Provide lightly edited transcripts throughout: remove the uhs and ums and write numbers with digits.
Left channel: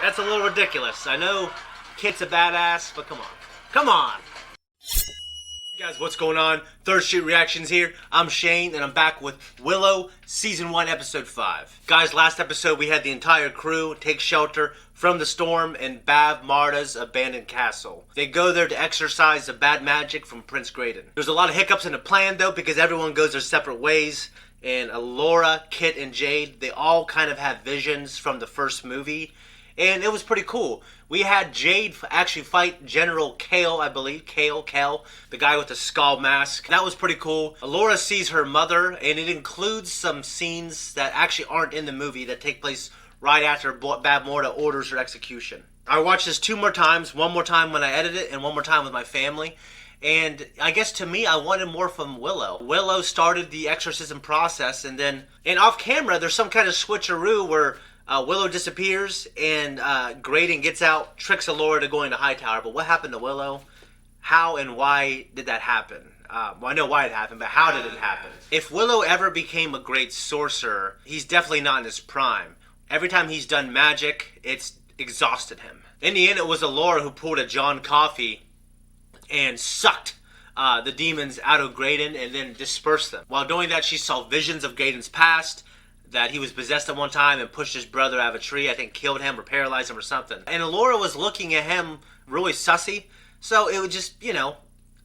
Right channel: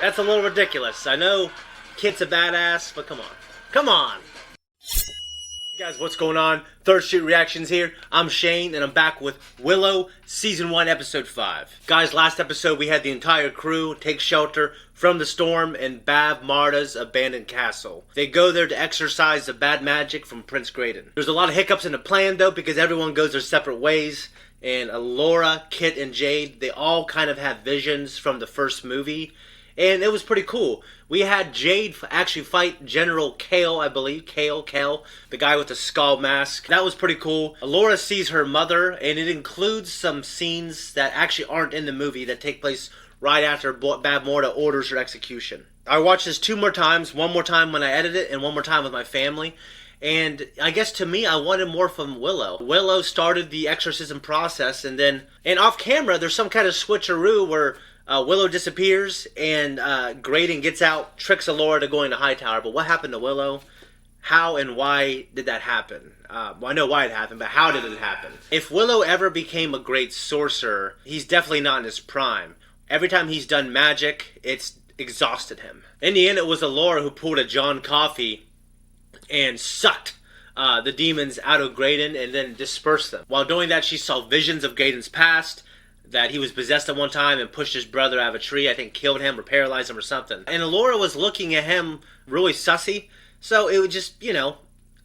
That's a little ridiculous. I know Kit's a badass, but come on. Come on! Hey guys, what's going on? Third Street Reactions here. I'm Shane, and I'm back with Willow, Season 1, Episode 5. Guys, last episode we had the entire crew take shelter from the storm in Bav Marta's abandoned castle. They go there to exorcise the bad magic from Prince Grayden. There's a lot of hiccups in the plan, though, because everyone goes their separate ways. And Laura, Kit, and Jade, they all kind of have visions from the first movie. And it was pretty cool. We had Jade actually fight General Kale, I believe. Kale, the guy with the skull mask. That was pretty cool. Laura sees her mother, and it includes some scenes that actually aren't in the movie that take place right after Bav Marta orders her execution. I watched this 2 more times. 1 more time when I edit it, and 1 more time with my family. And I guess to me, I wanted more from Willow. Willow started the exorcism process, and off camera, there's some kind of switcheroo where Willow disappears, and Grayden gets out, tricks Laura to going to Hightower. But what happened to Willow? How and why did that happen? Well, I know why it happened, but how did it happen? If Willow ever became a great sorcerer, he's definitely not in his prime. Every time he's done magic, it's exhausted him. In the end, it was Laura who pulled a John Coffey and sucked the demons out of Grayden and then dispersed them. While doing that, she saw visions of Grayden's past, that he was possessed at one time and pushed his brother out of a tree, I think killed him or paralyzed him or something. And Laura was looking at him really sussy, so it would just,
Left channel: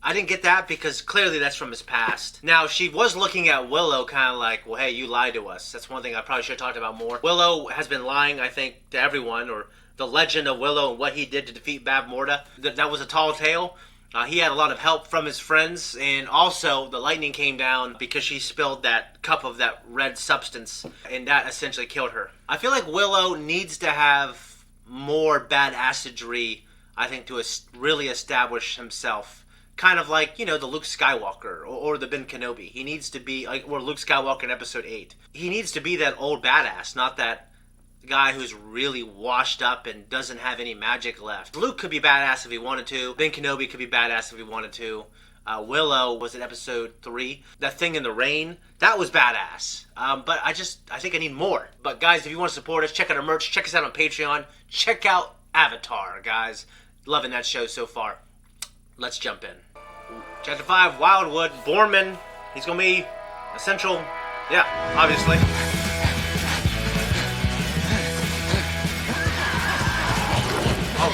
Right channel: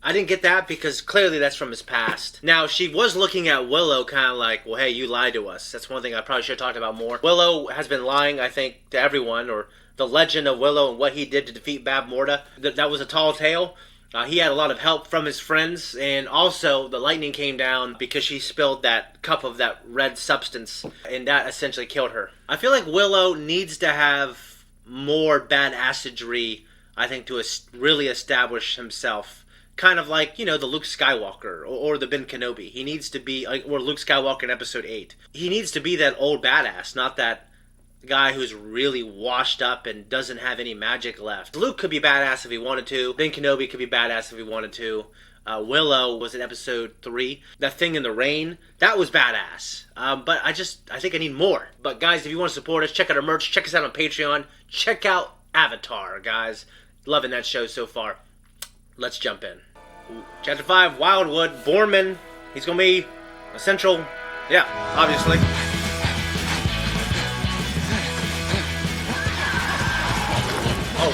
I didn't get that because clearly that's from his past. Now, she was looking at Willow kind of like, well, hey, you lied to us. That's one thing I probably should have talked about more. Willow has been lying, I think, to everyone, or the legend of Willow and what he did to defeat Bav Marta. That was a tall tale. He had a lot of help from his friends, and also the lightning came down because she spilled that cup of that red substance, and that essentially killed her. I feel like Willow needs to have more badassery, I think, to really establish himself. Kind of like, the Luke Skywalker or the Ben Kenobi. He needs to be, or Luke Skywalker in Episode 8. He needs to be that old badass, not that guy who's really washed up and doesn't have any magic left. Luke could be badass if he wanted to. Ben Kenobi could be badass if he wanted to. Willow was in Episode 3. That thing in the rain, that was badass. But I think I need more. But guys, if you want to support us, check out our merch. Check us out on Patreon. Check out Avatar, guys. Loving that show so far. Let's jump in. Chapter 5, Wildwood. Boorman. He's going to be a central... Yeah, obviously.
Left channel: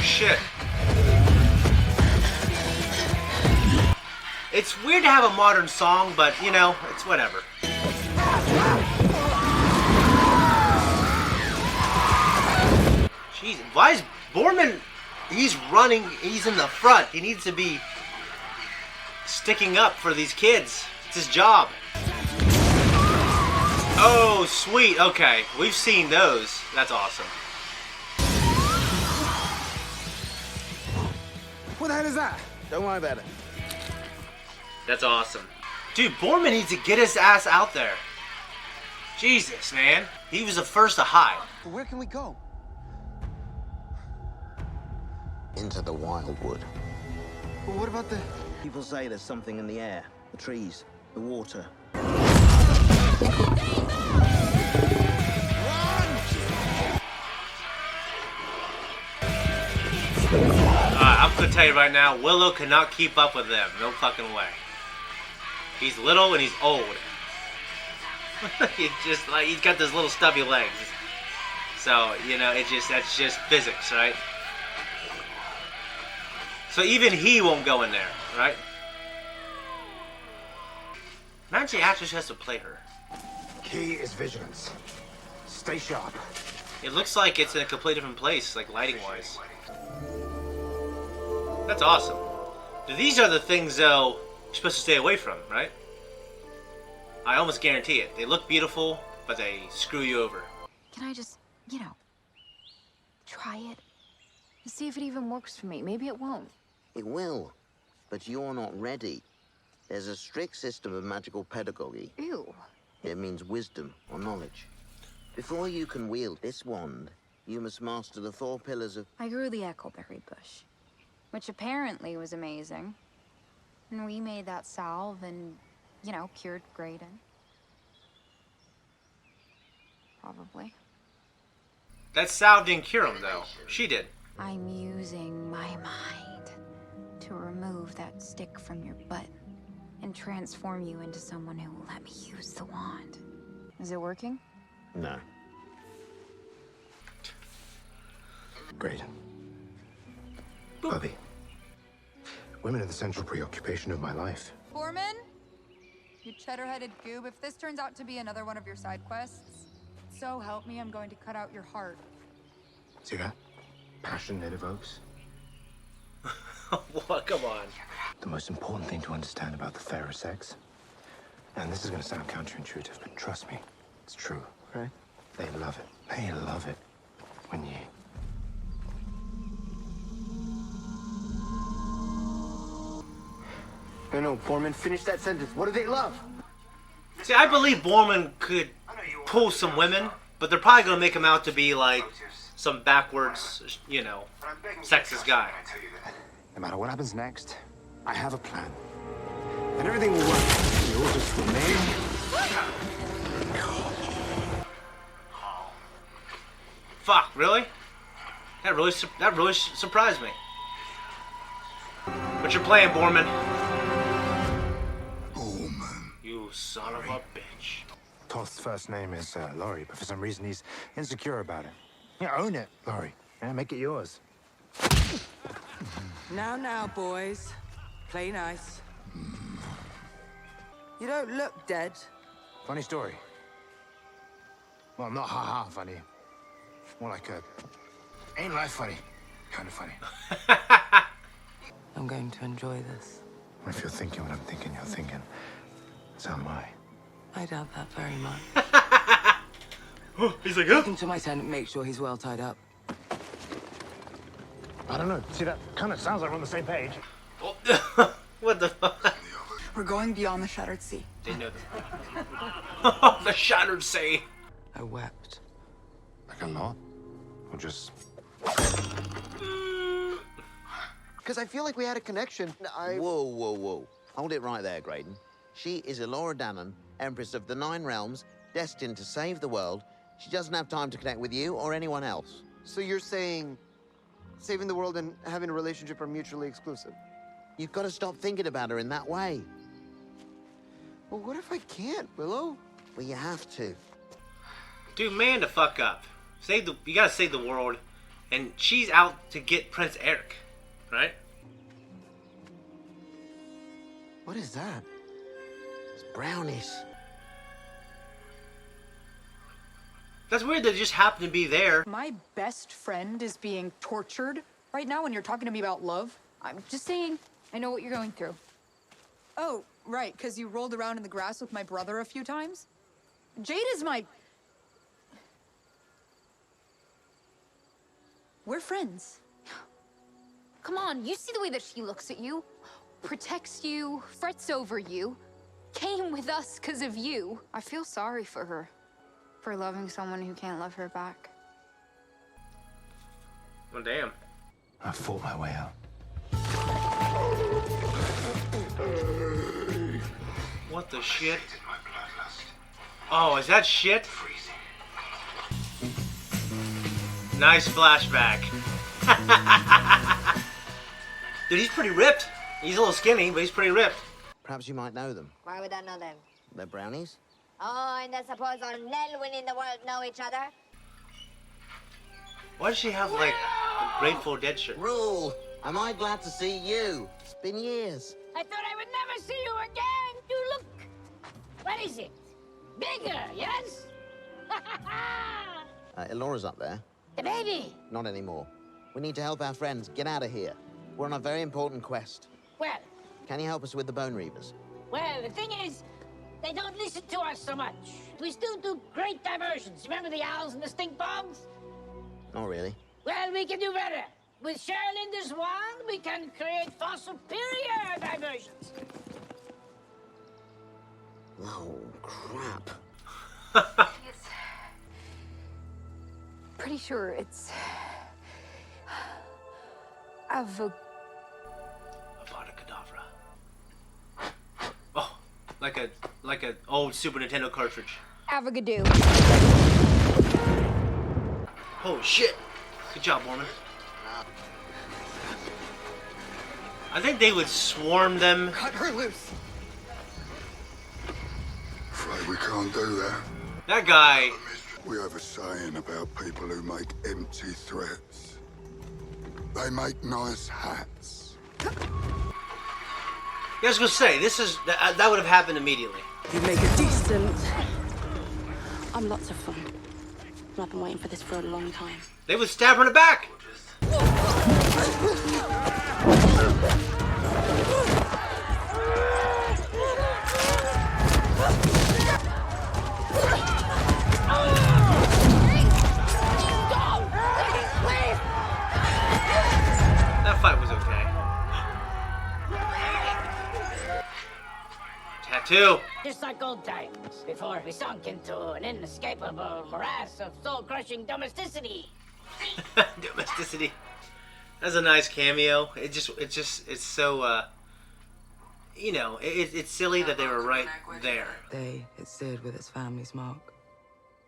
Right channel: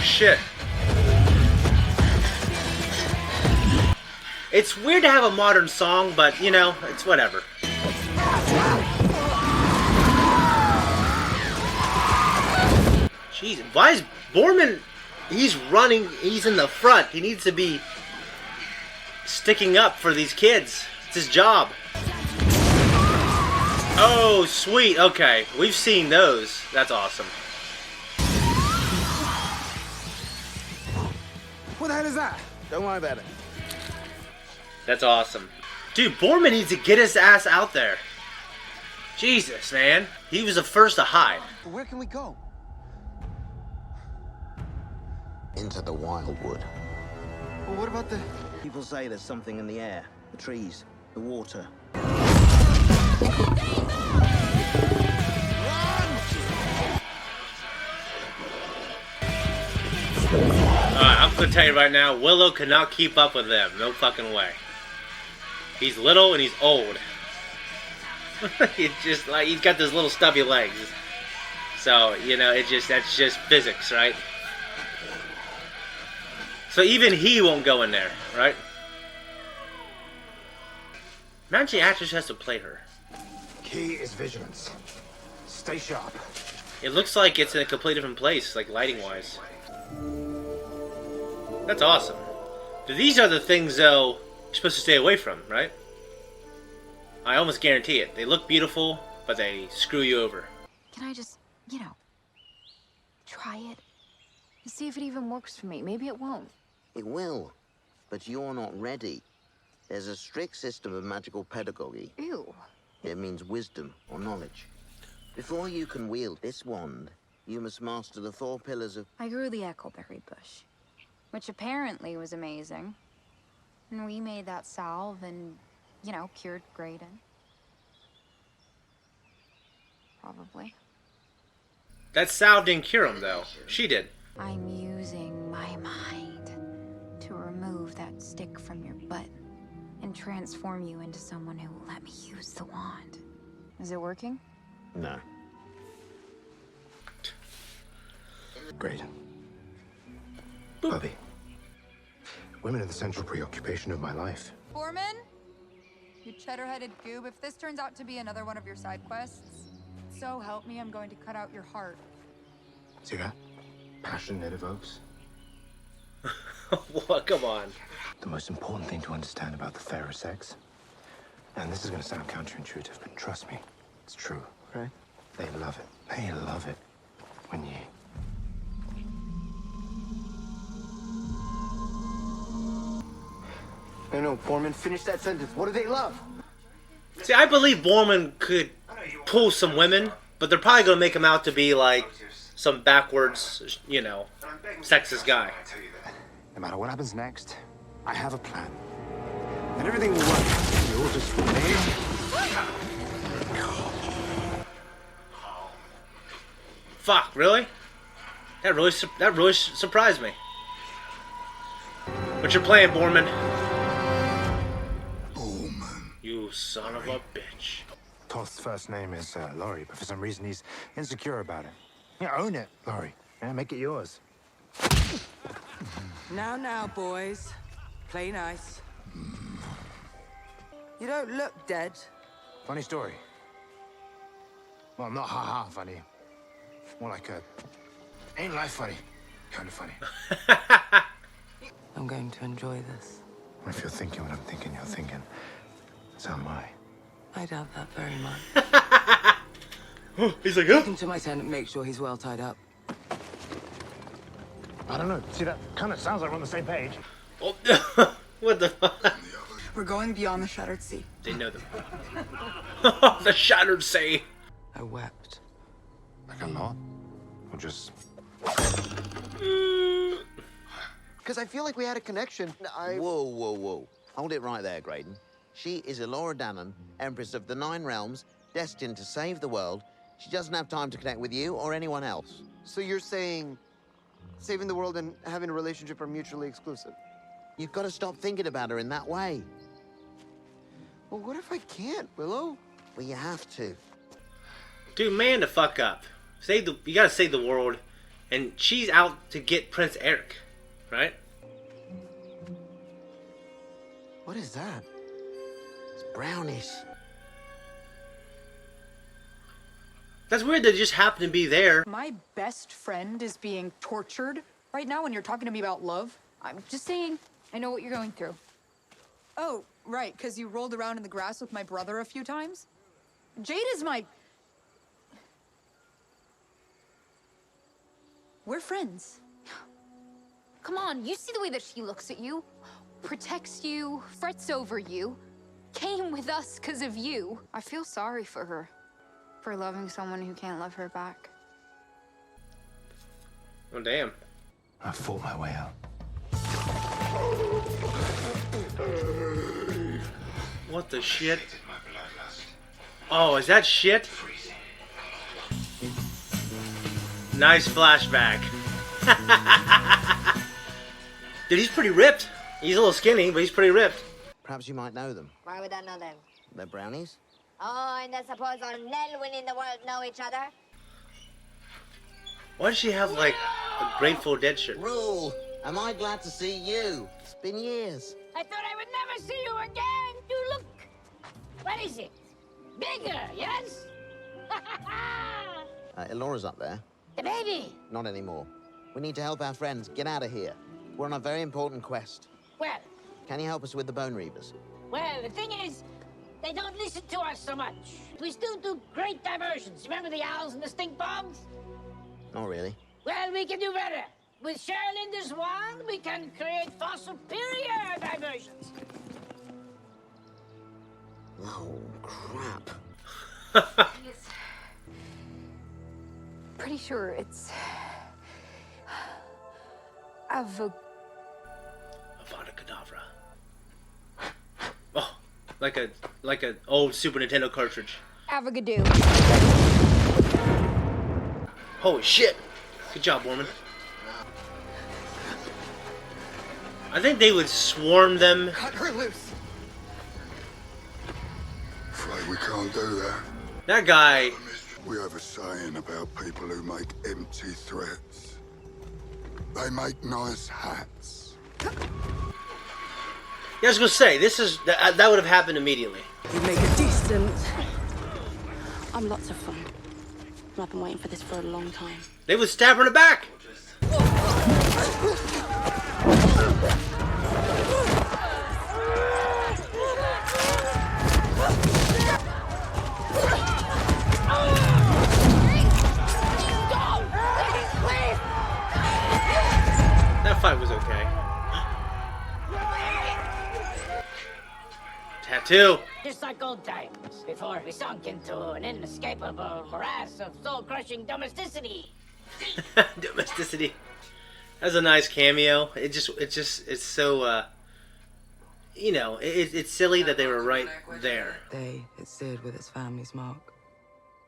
Shit. It's weird to have a modern song, but, it's whatever. Jeez, why is Boorman... He's running, he's in the front. He needs to be sticking up for these kids. It's his job. Oh, sweet. Okay, we've seen those. That's awesome. What the hell is that? Don't worry about it. That's awesome. Dude, Boorman needs to get his ass out there. Jesus, man. He was the first to hide. But where can we go? Into the Wildwood. Well, what about the... People say there's something in the air, the trees, the water. I'm gonna tell you right now, Willow cannot keep up with them. No fucking way. He's little and he's old. He's just like, he's got those little stubby legs. So, that's just physics, right? So even he won't go in there, right? Imagine the actress has to play her. Key is vigilance. Stay sharp. It looks like it's in a completely different place, like lighting-wise. That's awesome. These are the things, though, you're supposed to stay away from, right? I almost guarantee it. They look beautiful, but they screw you over. Can I just, try it? And see if it even works for me. Maybe it won't. It will, but you're not ready. There's a strict system of magical pedagogy. Ew. It means wisdom or knowledge. Before you can wield this wand, you must master the 4 pillars of... I grew the echoberry bush, which apparently was amazing. And we made that salve and, cured Grayden. Probably. That salve didn't cure him, though. She did. I'm using my mind to remove that stick from your butt and transform you into someone who will let me use the wand. Is it working? No. Grayden. Bubby. Women are the central preoccupation of my life. Foreman? You cheddar-headed goob, if this turns out to be another one of your side quests, so help me, I'm going to cut out your heart. See that? Passion it evokes. What? Come on. The most important thing to understand about the fairer sex, and this is going to sound counterintuitive, but trust me, it's true. Okay. They love it. They love it when you... No, Foreman, finish that sentence. What do they love? See, I believe Borman could pull some women, but they're probably going to make him out to be like some backwards, you know, sexist guy. No matter what happens next, I have a plan. And everything will work. You all just remain... Fuck, really? That really surprised me. What's your plan, Borman? You son of a bitch. Toth's first name is Laurie, but for some reason he's insecure about it. Yeah, own it, Laurie. Yeah, make it yours. Now, boys. Play nice. You don't look dead. Funny story. Well, not ha-ha funny. More like a... ain't life funny. Kind of funny. I'm going to enjoy this. If you're thinking what I'm thinking, you're thinking. So am I. I doubt that very much. He's like, Take him to my tent and make sure he's well tied up. I don't know. See, that kind of sounds like we're on the same page. oh. What the fuck? We're going beyond the Shattered Sea. They know them. The Shattered Sea. I wept. Like a lot? Or just... Because I feel like we had a connection. Whoa, whoa, whoa. Hold it right there, Grayden. She is Elora Danon, Empress of the Nine Realms, destined to save the world. She doesn't have time to connect with you or anyone else. So you're saying saving the world and having a relationship are mutually exclusive? You've got to stop thinking about her in that way. Well, what if I can't, Willow? Well, you have to. Dude, man the fuck up. You gotta save the world. And she's out to get Prince Eric, right? What is that? It's brownies. That's weird that it just happened to be there. My best friend is being tortured right now when you're talking to me about love. I'm just saying, I know what you're going through. Oh, right, because you rolled around in the grass with my brother a few times? Jade is my... We're friends. Come on, you see the way that she looks at you, protects you, frets over you, came with us because of you. I feel sorry for her, for loving someone who can't love her back. Oh, damn. I fought my way out. What the shit? Oh, is that shit? Nice flashback. Dude, he's pretty ripped. He's a little skinny, but he's pretty ripped. Perhaps you might know them. Why would I know them? They're brownies? Oh, and I suppose all Nelwyn in the world know each other? Why does she have, like, a Grateful Dead shirt? Rule! Am I glad to see you? It's been years. I thought I would never see you again. You look... What is it? Bigger, yes? Elora's up there. The baby. Not anymore. We need to help our friends get out of here. We're on a very important quest. Well, Can you help us with the Bone Reavers? well, the thing is, they don't listen to us so much. We still do great diversions. Remember the owls and the stink bombs? Not really. Well, we can do better. With Cheryl in this wand, we can create far superior diversions. Oh, crap. Pretty sure it's... Avocado. Avada Kedavra. Oh, like a old Super Nintendo cartridge. Avocado. Oh shit! Good job, woman. I think they would swarm them. Cut her loose. Afraid we can't do that. That guy. We have a saying about people who make empty threats. They make nice hats. Yeah, I was gonna say, this is that would have happened immediately. You make a decent. I'm lots of fun. I've been waiting for this for a long time. They would stab her in the back. That fight was okay. Tattoo. Just like old times, before we sunk into an inescapable morass of soul-crushing domesticity. Domesticity. That's a nice cameo. It's so, you know, it's silly that they were right there. It's seared with its family's mark,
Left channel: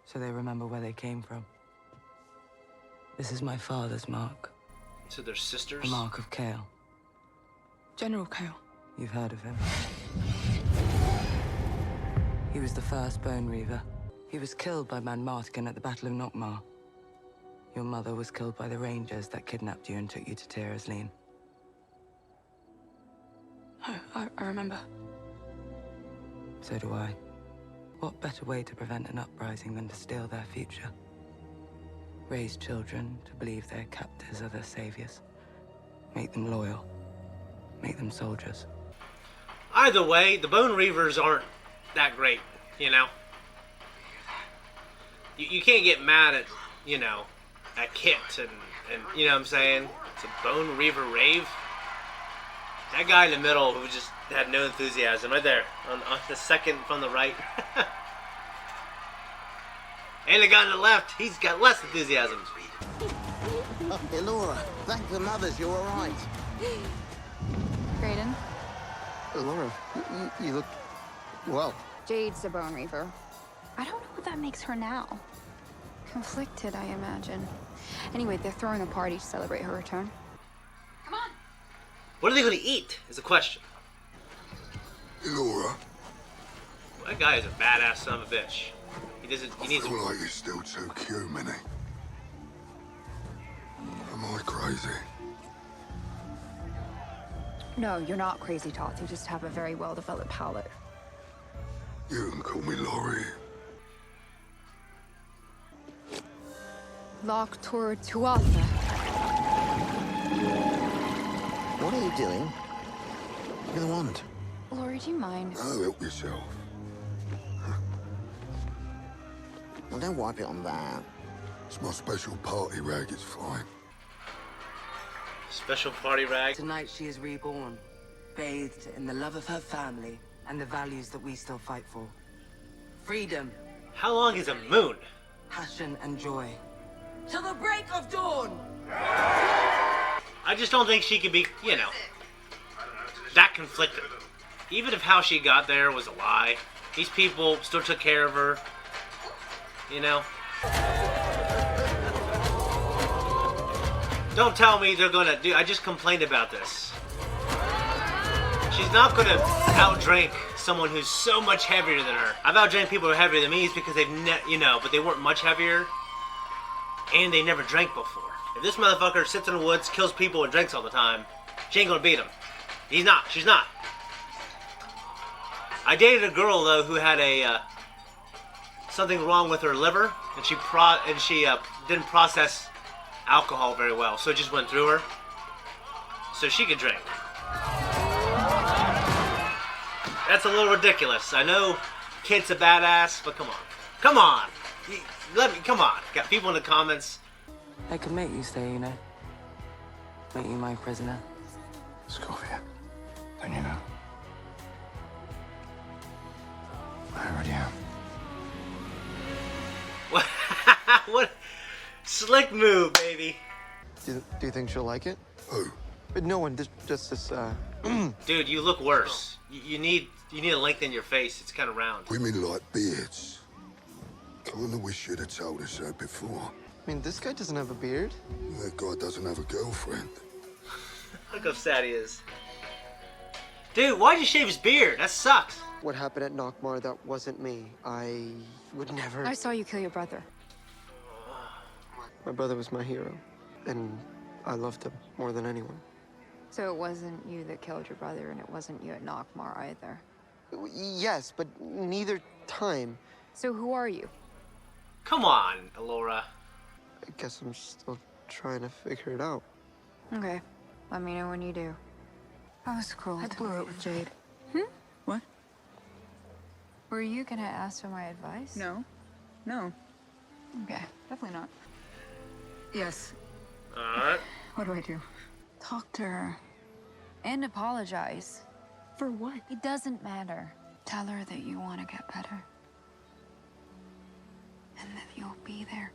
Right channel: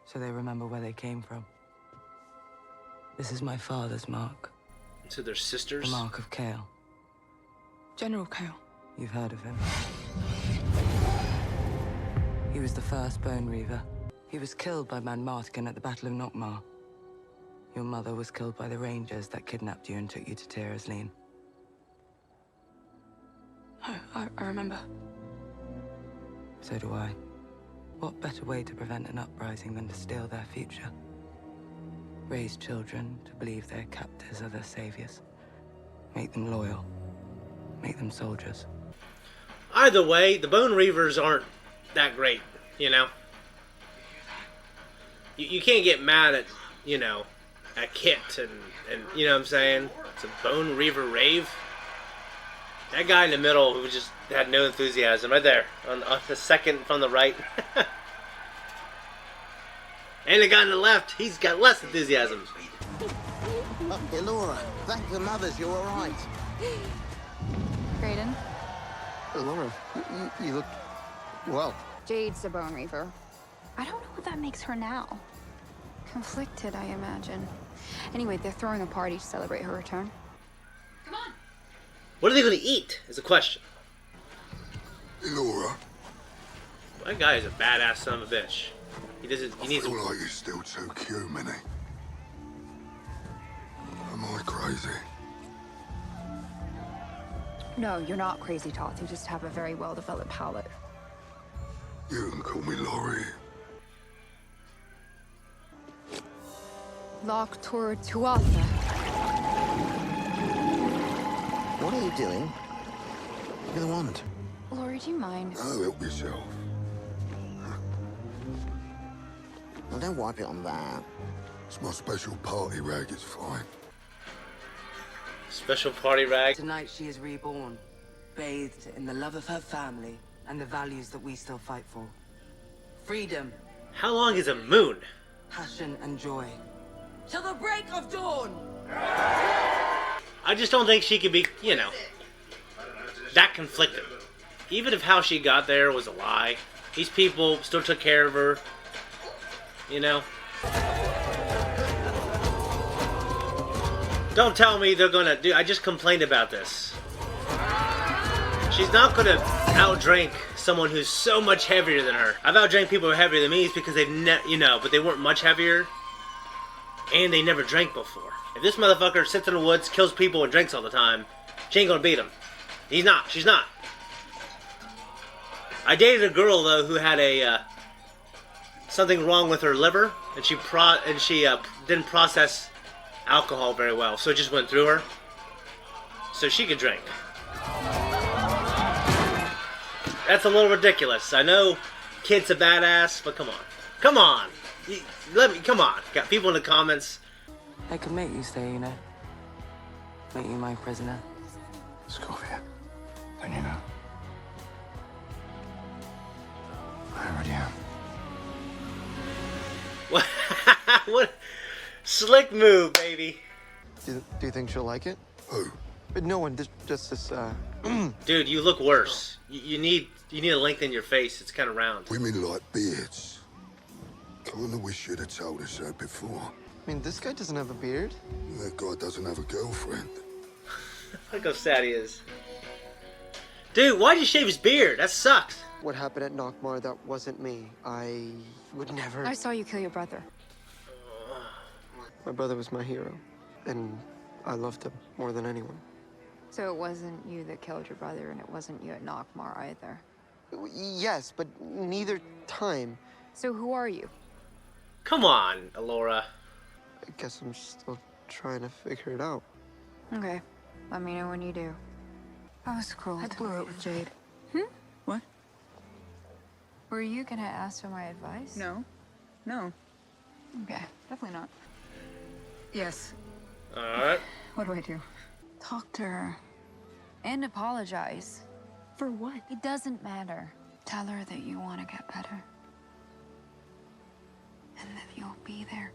so they remember where they came from. This is my father's mark. So they're sisters? The mark of Kale. General Kale. You've heard of him. He was the first Bone Reaver. He was killed by Man Martigan at the Battle of Nockmaar. Your mother was killed by the Rangers that kidnapped you and took you to Tira's Lean. Oh, I remember. So do I. What better way to prevent an uprising than to steal their future? Raise children to believe their captors are their saviors. Make them loyal. Make them soldiers. Either way, the Bone Reavers aren't that great, you know? You can't get mad at, you know, at Kit and you know what I'm saying? It's a Bone Reaver rave. That guy in the middle who just had no enthusiasm, right there, on the second from the right. And the guy on the left, he's got less enthusiasm. Hey, Laura, thank the mothers, you're all right. Grayden, Laura, you look well. Jade's a Bone Reaver. I don't know what that makes her now. Conflicted, I imagine. Anyway, they're throwing a party to celebrate her return. Come on. What are they going to eat, is the question. Laura, That guy is a badass son of a bitch. He I needs... feel like you're still too humany. Am I crazy? No, you're not crazy, Toth. You just have a very well-developed palate. You can call me Laurie. Lock toward Tuatha. What are you doing? Look at the wand. Laurie, do you mind? Oh, help yourself. Well, don't wipe it on that. It's my special party rag, it's fine. Special party rag. Tonight she is reborn, bathed in the love of her family and the values that we still fight for. Freedom, How long is a moon? passion, and joy. Till the break of dawn! I just don't think she could be, you know, that conflicted. Even if how she got there was a lie, these people still took care of her, you know? Don't tell me they're gonna do... I just complained about this. She's not gonna outdrink someone who's so much heavier than her. I've outdrank people who are heavier than me is because they've you know, but they weren't much heavier. And they never drank before. If this motherfucker sits in the woods, kills people, and drinks all the time, she ain't gonna beat him. He's not. She's not. I dated a girl, though, who had a, something wrong with her liver, and she didn't process alcohol very well, so it just went through her. So she could drink. That's a little ridiculous. I know Kit's a badass, but come on. Come on! Come on. Got people in the comments. I could make you stay, you know. Make you my prisoner. Scorpio, don't you know? I already am. What? What? Slick move, baby. Do you think she'll like it? Who? But no one, just this, Dude, you look worse. You need to lengthen your face. It's kind of round. Women like beards. Kinda wish you'd have told us that before. I mean, this guy doesn't have a beard. That guy doesn't have a girlfriend. Look how sad he is. Dude, why'd you shave his beard? That sucks. What happened at Nockmar, that wasn't me. I would never... I saw you kill your brother. My brother was my hero, and I loved him more than anyone. So it wasn't you that killed your brother, and it wasn't you at Nockmar either. Yes, but neither time. So who are you? Come on, Laura. I guess I'm still trying to figure it out. Okay, let me know when you do. That was cruel. I blew it with Jade. What? Were you gonna ask for my advice? No. No. Okay, definitely not. Yes. Alright. What do I do? Talk to her. And apologize. For what? It doesn't matter. Tell her that you want to get better. And that you'll be there.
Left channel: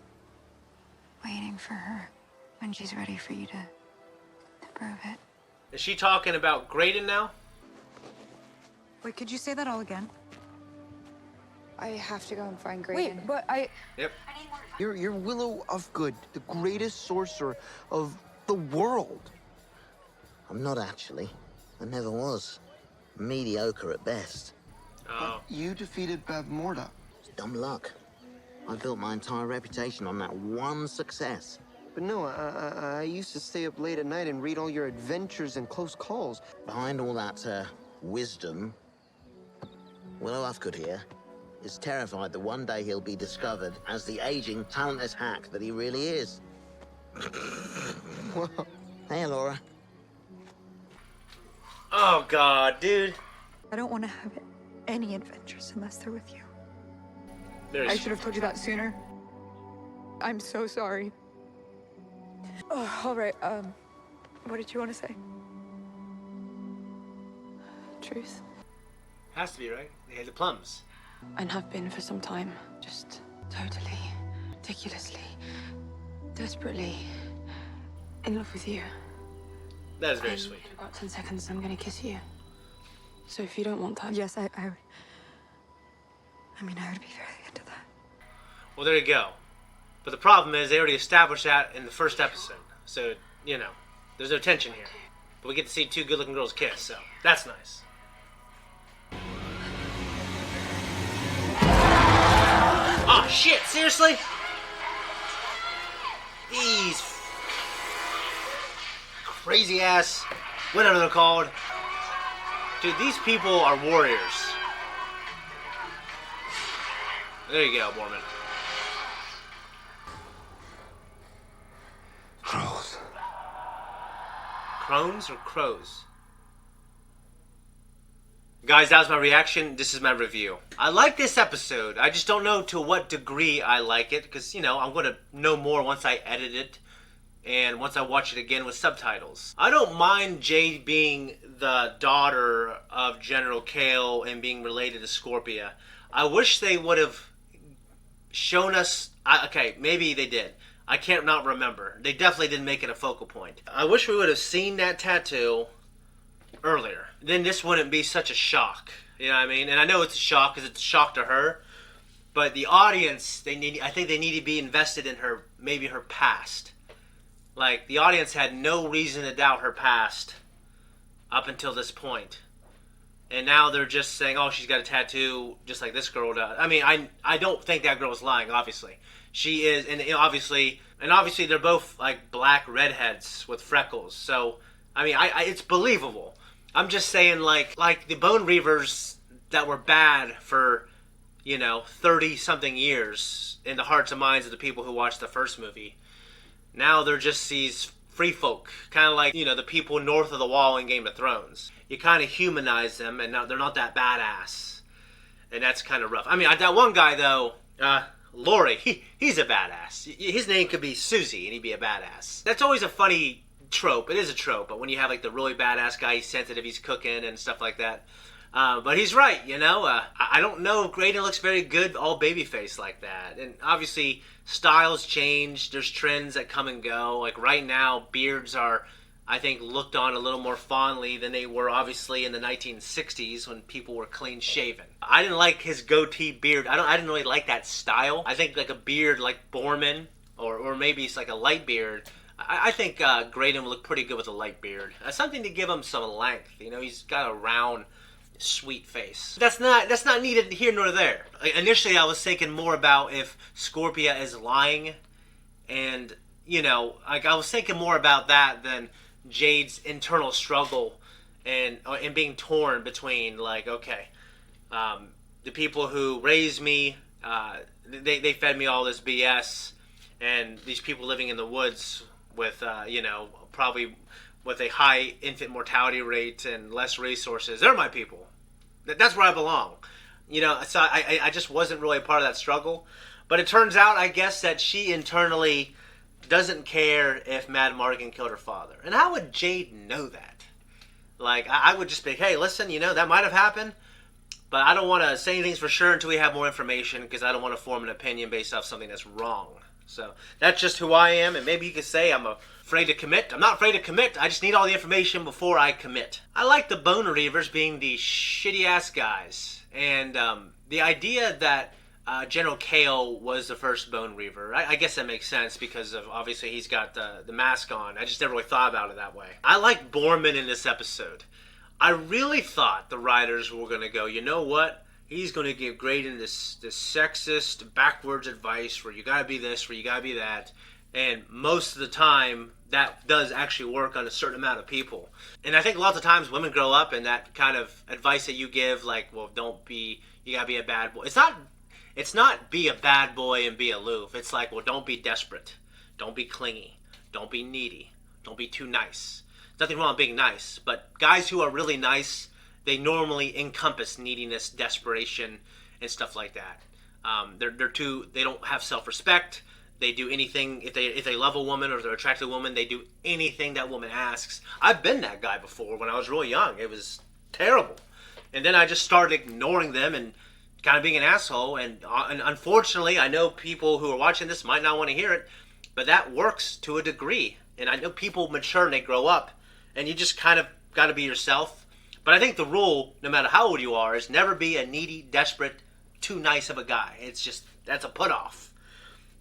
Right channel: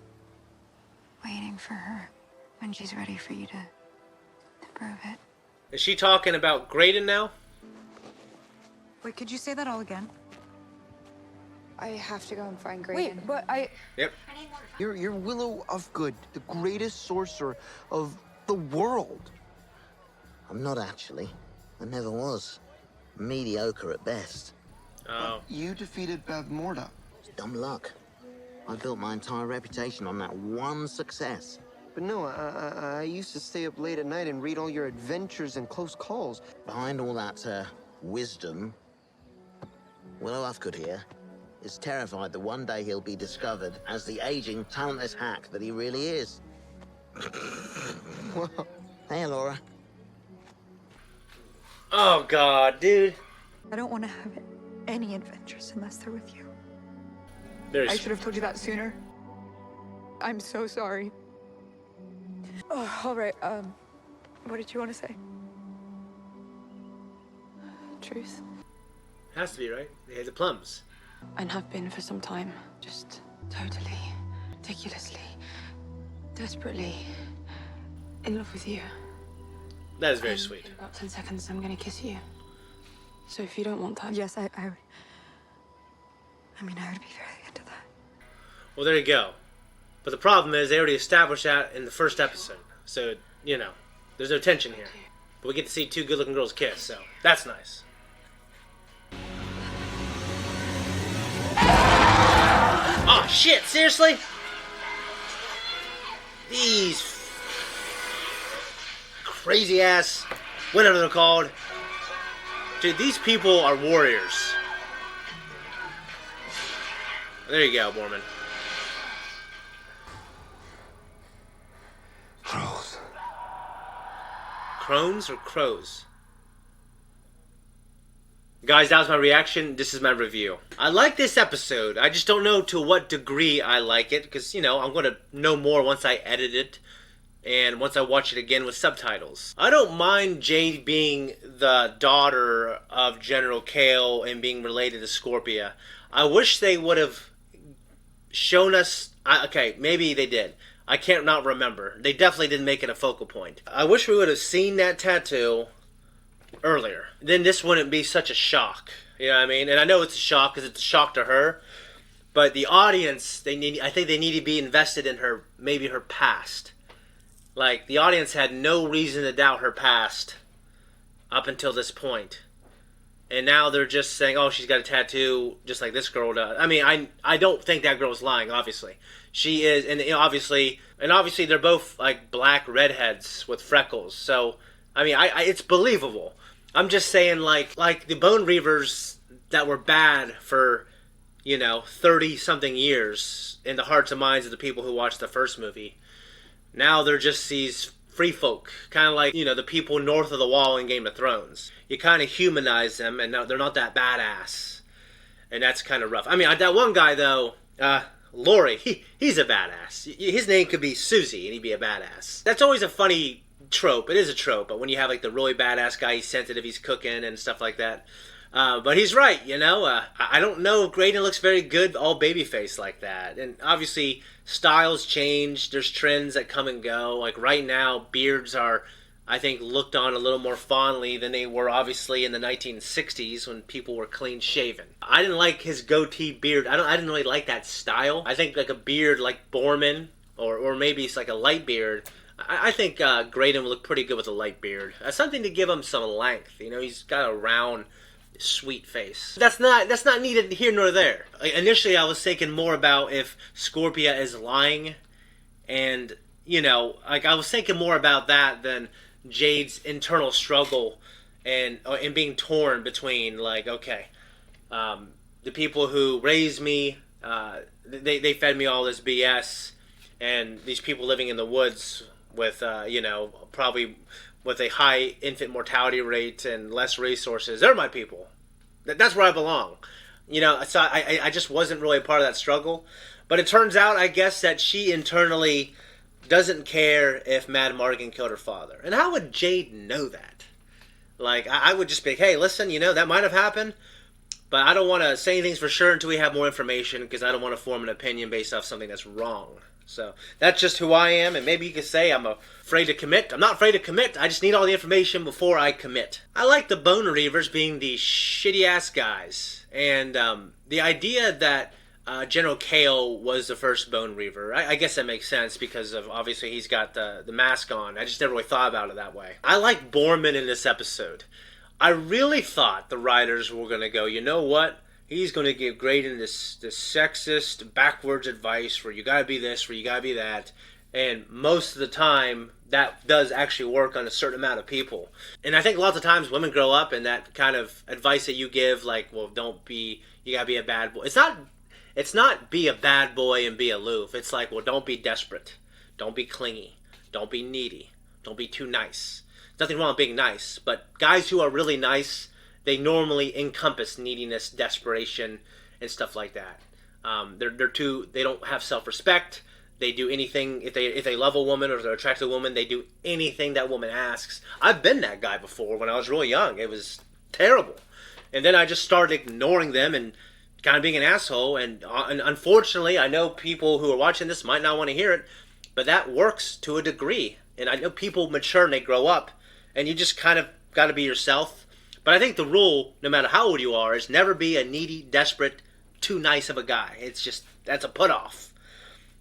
Waiting for her. When she's ready for you to prove it. Is she talking about Grayden now? Wait, could you say that all again? I have to go and find Grayden. Wait, but I... Yep. You're Willow of Good, the greatest sorcerer of the world. I'm not actually. I never was. Mediocre at best. Oh. You defeated Bavmorda. It's dumb luck. I built my entire reputation on that one success. But no, I used to stay up late at night and read all your adventures and close calls. Behind all that, wisdom, Willow Ufgood here is terrified that one day he'll be discovered as the aging, talentless hack that he really is. Hey, Laura. Oh, God, dude. I don't want to have any adventures unless they're with you. There's... should have told you that sooner. I'm so sorry. Oh, all right. What did you want to say? Truth. Has to be, right? They had the plums. And have been for some time. Just totally, ridiculously, desperately in love with you. That is very And sweet. in about 10 seconds, I'm gonna kiss you. So if you don't want that... Yes, I would. I mean, I would be very into that. Well, there you go. But the problem is they already established that in the first episode. So, you know, there's no tension here. But we get to see two good-looking girls kiss, so that's nice. Oh, shit, seriously? These crazy-ass, whatever they're called. Dude, these people are warriors. There you go, Mormon. Crows. Crones or crows? Guys, that was my reaction. This is my review. I like this episode. I just don't know to what degree I like it. Because, you know, I'm going to know more once I edit it. And once I watch it again with subtitles. I don't mind Jade being the daughter of General Kale and being related to Scorpia. I wish they would have shown us... okay, maybe they did. I can't not remember. They definitely didn't make it a focal point. I wish we would have seen that tattoo earlier. Then this wouldn't be such a shock. You know what I mean? And I know it's a shock because it's a shock to her. But the audience, I think they need to be invested in her, maybe her past. Like, the audience had no reason to doubt her past up until this point. And now they're just saying, oh, she's got a tattoo just like this girl does. I mean, I don't think that girl's lying, obviously. She is, and you know, obviously they're both like black redheads with freckles. So, I mean, it's believable. I'm just saying, like the Bone Reavers that were bad for, you know, 30-something years in the hearts and minds of the people who watched the first movie. Now they're just these free folk, kind of like, you know, the people north of the wall in Game of Thrones. You kind of humanize them, and they're not that badass, and that's kind of rough. I mean, that one guy though, Laurie, he's a badass. His name could be Susie, and he'd be a badass. That's always a funny trope. It is a trope, but when you have like the really badass guy, he's sensitive, he's cooking and stuff like that. But he's right, you know. I don't know if Grayden looks very good all babyface like that. And obviously, styles change. There's trends that come and go. Like right now, beards are, I think, looked on a little more fondly than they were obviously in the 1960s when people were clean shaven. I didn't like his goatee beard. I didn't really like that style. I think like a beard like Borman or maybe it's like a light beard. I think Grayden would look pretty good with a light beard. Something to give him some length. You know, he's got a round, sweet face. That's not needed here nor there. Initially, I was thinking more about if Scorpia is lying, and you know, like I was thinking more about that than Jade's internal struggle and being torn between like, okay, the people who raised me, they fed me all this BS, and these people living in the woods with you know, probably with a high infant mortality rate and less resources, they're my people. That's where I belong. You know, so I just wasn't really a part of that struggle. But it turns out, I guess, that she internally doesn't care if Mad Morgan killed her father. And how would Jade know that? Like, I would just be like, hey, listen, you know, that might have happened, but I don't want to say anything for sure until we have more information, because I don't want to form an opinion based off something that's wrong. So that's just who I am, and maybe you could say I'm afraid to commit. I'm not afraid to commit. I just need all the information before I commit. I like the Bone Reavers being the shitty-ass guys, and the idea that General Kale was the first Bone Reaver, I guess that makes sense because of obviously he's got the mask on. I just never really thought about it that way. I like Borman in this episode. I really thought the writers were going to go, you know what? He's going to give Grayden this sexist, backwards advice where you got to be this, where you got to be that. And most of the time, that does actually work on a certain amount of people. And I think lots of times women grow up and that kind of advice that you give, like, well, you got to be a bad boy. It's not be a bad boy and be aloof. It's like, well, don't be desperate. Don't be clingy. Don't be needy. Don't be too nice. There's nothing wrong with being nice, but guys who are really nice, they normally encompass neediness, desperation, and stuff like that. They don't have self-respect. They do anything, if they love a woman or if they're attracted to a woman, they do anything that woman asks. I've been that guy before when I was really young. It was terrible. And then I just started ignoring them and kind of being an asshole. And unfortunately, I know people who are watching this might not want to hear it, but that works to a degree. And I know people mature and they grow up, and you just kind of got to be yourself. But I think the rule, no matter how old you are, is never be a needy, desperate, too nice of a guy. It's just, that's a put-off.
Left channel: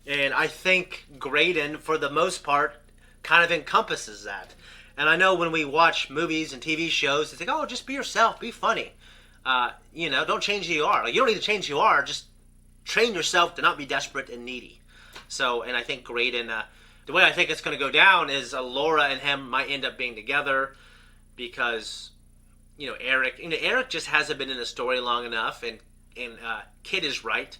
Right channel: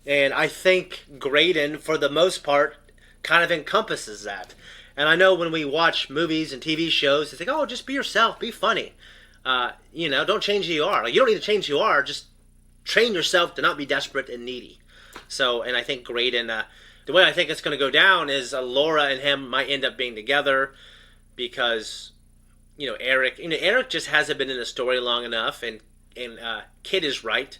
And I think Grayden, for the most part, kind of encompasses that. And I know when we watch movies and TV shows, it's like, oh, just be yourself, be funny. You know, don't change who you are. Like, you don't need to change who you are, just train yourself to not be desperate and needy. So, and I think Grayden, the way I think it's going to go down is Laura and him might end up being together because, you know, Eric just hasn't been in the story long enough, and Kid is right.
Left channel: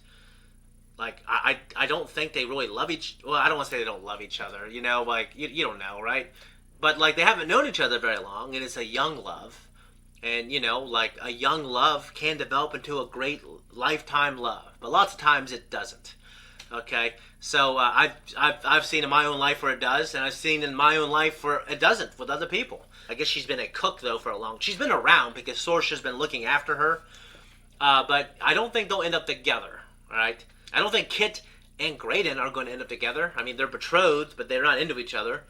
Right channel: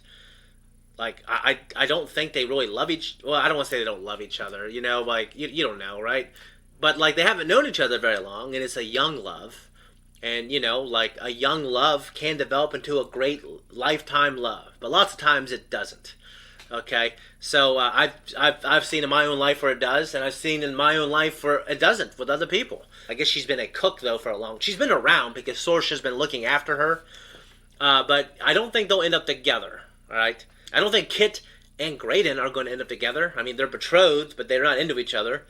Like, I don't think they really love well, I don't want to say they don't love each other, you know, like, you don't know, right? But, like, they haven't known each other very long, and it's a young love. And, you know, like, a young love can develop into a great lifetime love. But lots of times it doesn't, okay? So, I've seen in my own life where it does, and I've seen in my own life where it doesn't with other people. I guess she's been a cook, though, for a long... She's been around because Sorcer's been looking after her. But I don't think they'll end up together, all right? I don't think Kit and Grayden are going to end up together. I mean, they're betrothed, but they're not into each other.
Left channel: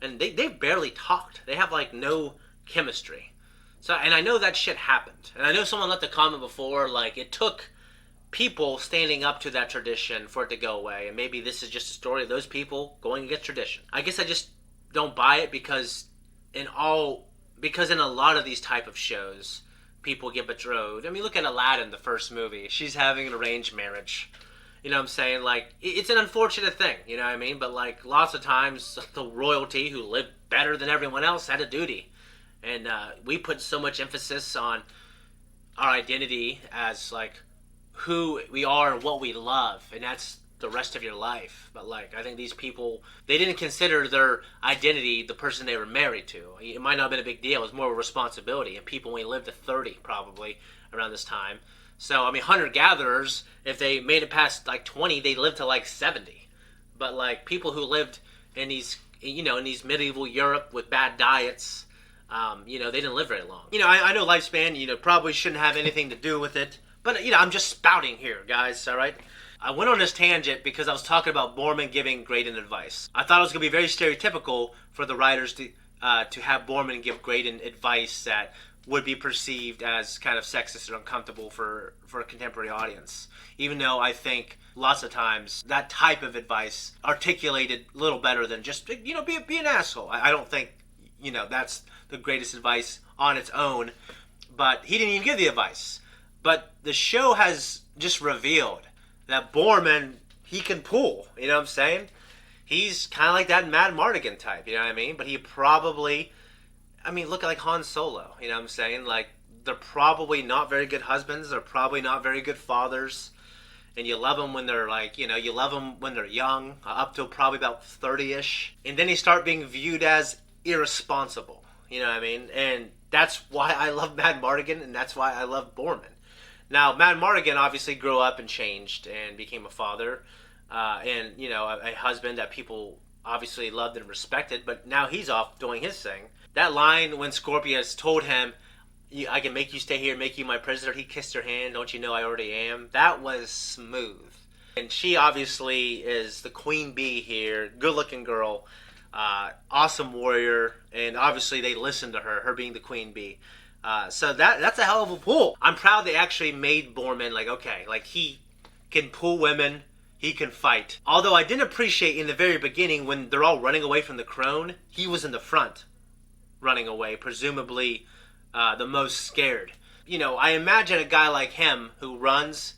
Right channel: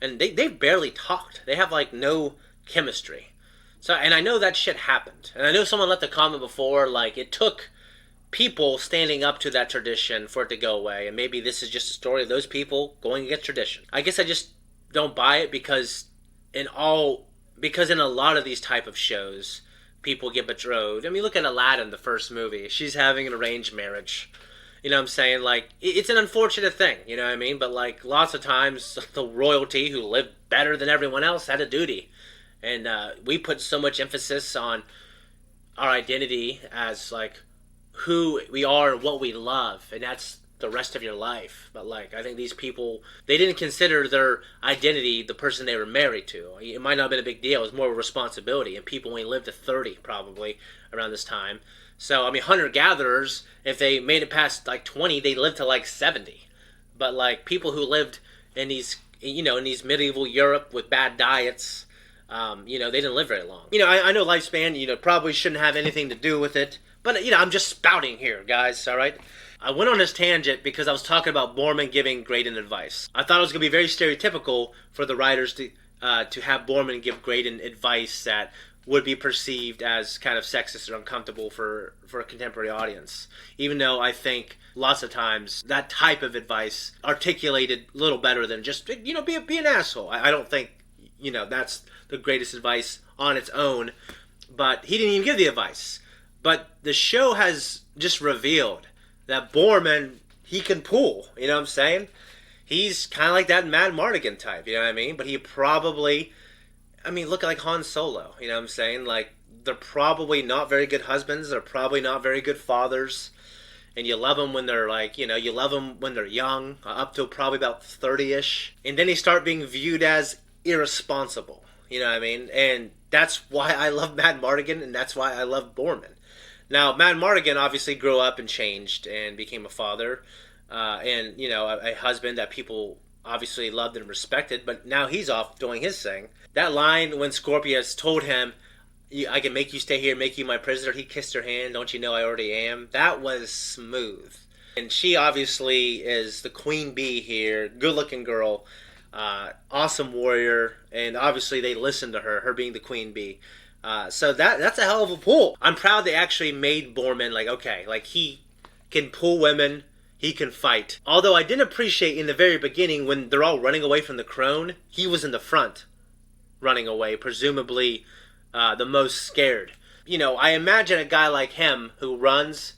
And they've barely talked. They have, like, no chemistry. So, and I know that shit happened. And I know someone left a comment before, like, it took people standing up to that tradition for it to go away. And maybe this is just a story of those people going against tradition. I guess I just don't buy it because in a lot of these type of shows, people get betrothed. I mean, look at Aladdin, the first movie. She's having an arranged marriage. You know what I'm saying? Like, it's an unfortunate thing, you know what I mean? But, like, lots of times, the royalty who lived better than everyone else had a duty. And we put so much emphasis on our identity as, like, who we are and what we love. And that's the rest of your life. But, like, I think these people, they didn't consider their identity the person they were married to. It might not have been a big deal. It was more of a responsibility. And people only lived to 30, probably, around this time. So, I mean, hunter-gatherers, if they made it past, like, 20, they lived to, like, 70. But, like, people who lived in these, you know, in these medieval Europe with bad diets, you know, they didn't live very long. You know, I know lifespan, you know, probably shouldn't have anything to do with it. But, you know, I'm just spouting here, guys, all right? I went on this tangent because I was talking about Borman giving Grayden advice. I thought it was going to be very stereotypical for the writers to have Borman give Grayden advice that would be perceived as kind of sexist or uncomfortable for a contemporary audience. Even though I think lots of times that type of advice articulated a little better than just, be an asshole. I don't think, that's the greatest advice on its own. But he didn't even give the advice. But the show has just revealed that Borman, he can pull. You know what I'm saying? He's kind of like that Mad Mardigan type, you know what I mean? But he probably, look at like Han Solo, you know what I'm saying? Like, they're probably not very good husbands. They're probably not very good fathers. And you love them when they're like, you love them when they're young, up to probably about 30-ish. And then they start being viewed as irresponsible, you know what I mean? And that's why I love Mad Mardigan, and that's why I love Borman. Now, Mad Mardigan obviously grew up and changed and became a father. And, a husband that people obviously loved and respected, but now he's off doing his thing. That line when Scorpius told him, I can make you stay here, make you my prisoner, he kissed her hand, don't you know I already am? That was smooth. And she obviously is the queen bee here, good-looking girl, awesome warrior, and obviously they listened to her being the queen bee. So that's a hell of a pull. I'm proud they actually made Borman, he can pull women, he can fight. Although I didn't appreciate in the very beginning when they're all running away from the crone, he was in the front running away, presumably the most scared. I imagine a guy like him who runs,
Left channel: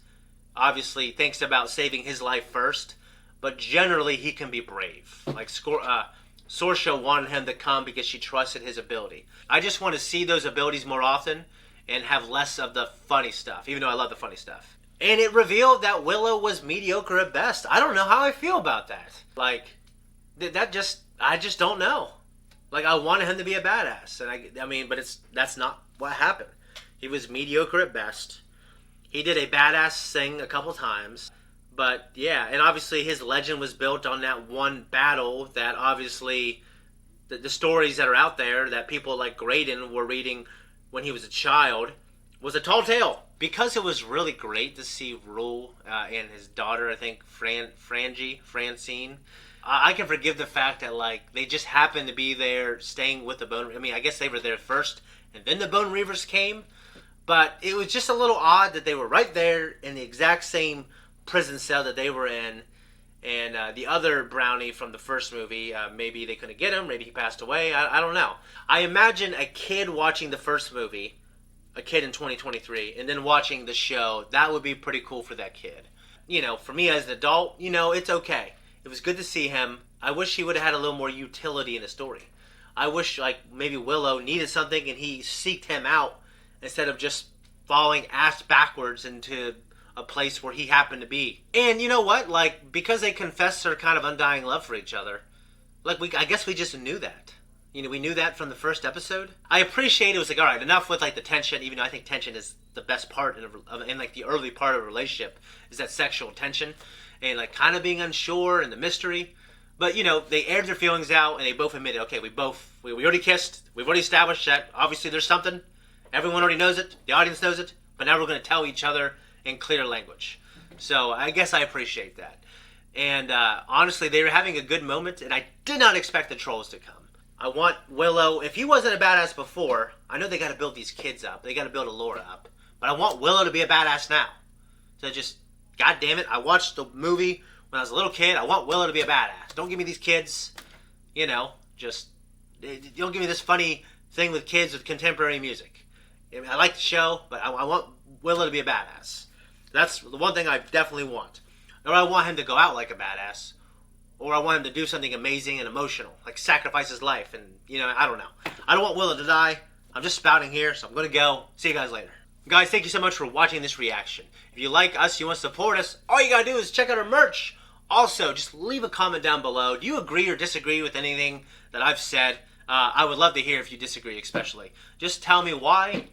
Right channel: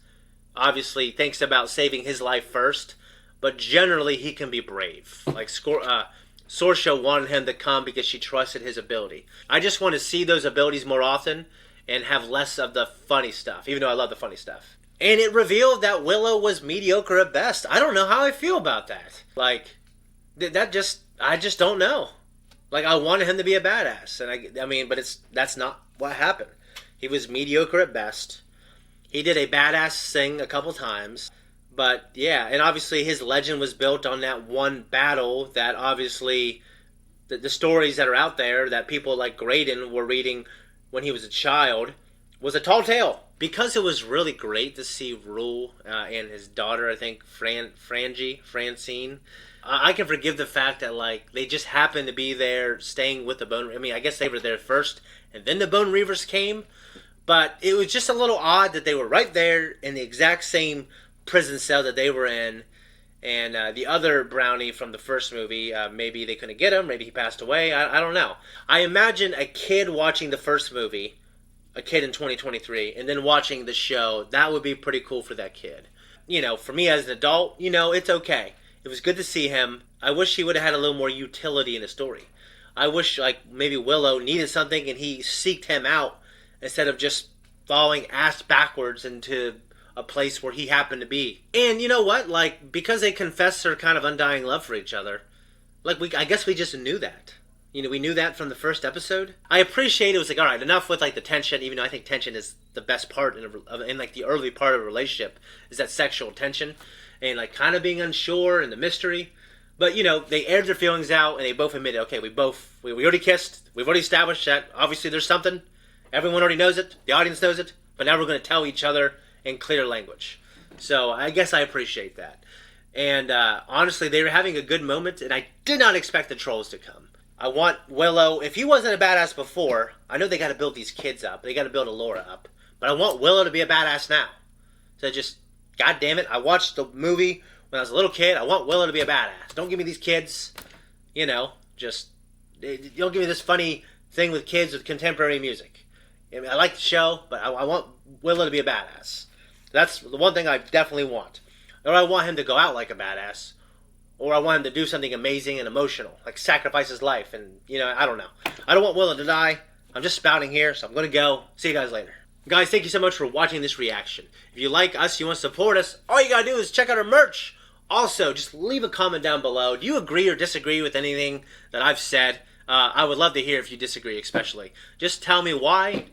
obviously thinks about saving his life first, but generally he can be brave. Like Sorsha wanted him to come because she trusted his ability. I just want to see those abilities more often and have less of the funny stuff, even though I love the funny stuff. And it revealed that Willow was mediocre at best. I don't know how I feel about that. I just don't know. I wanted him to be a badass, and but that's not what happened. He was mediocre at best. He did a badass thing a couple times, but yeah, and obviously his legend was built on that one battle that obviously the stories that are out there that people like Grayden were reading when he was a child was a tall tale. Because it was really great to see Rule and his daughter, I think, Francine. I can forgive the fact that, they just happened to be there staying with the Bone... I guess they were there first, and then the Bone Reavers came. But it was just a little odd that they were right there in the exact same prison cell that they were in. And the other Brownie from the first movie, maybe they couldn't get him, maybe he passed away, I don't know. I imagine a kid watching the first movie, a kid in 2023, and then watching the show, that would be pretty cool for that kid. For me as an adult, it's okay. It was good to see him. I wish he would have had a little more utility in the story. I wish, maybe Willow needed something and he seeked him out instead of just falling ass backwards into a place where he happened to be. And you know what? Because they confessed their kind of undying love for each other, I guess we just knew that. We knew that from the first episode. I appreciate it was all right, enough with the tension, even though I think tension is the best part in the early part of a relationship, is that sexual tension and kind of being unsure and the mystery. But they aired their feelings out and they both admitted, okay, we already kissed, we've already established that obviously there's something, everyone already knows it, the audience knows it, but now we're going to tell each other in clear language. So I guess I appreciate that. And honestly, they were having a good moment, and I did not expect the trolls to come. I want Willow, if he wasn't a badass before, I know they got to build these kids up. They got to build Alora up. But I want Willow to be a badass now. So just, God damn it, I watched the movie when I was a little kid. I want Willow to be a badass. Don't give me these kids, just, don't give me this funny thing with kids with contemporary music. I like the show, but I want Willow to be a badass. That's the one thing I definitely want. Or I want him to go out like a badass. Or I want him to do something amazing and emotional, sacrifice his life, and, I don't know. I don't want Willow to die. I'm just spouting here, so I'm going to go. See you guys later. Guys, thank you so much for watching this reaction. If you like us, you want to support us, all you got to do is check out our merch. Also, just leave a comment down below. Do you agree or disagree with anything that I've said? I would love to hear if you disagree, especially. Just tell me why.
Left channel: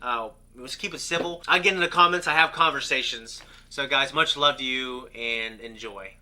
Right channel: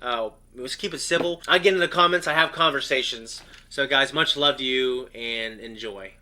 Let's keep it civil. I get in the comments. I have conversations. So, guys, much love to you, and enjoy.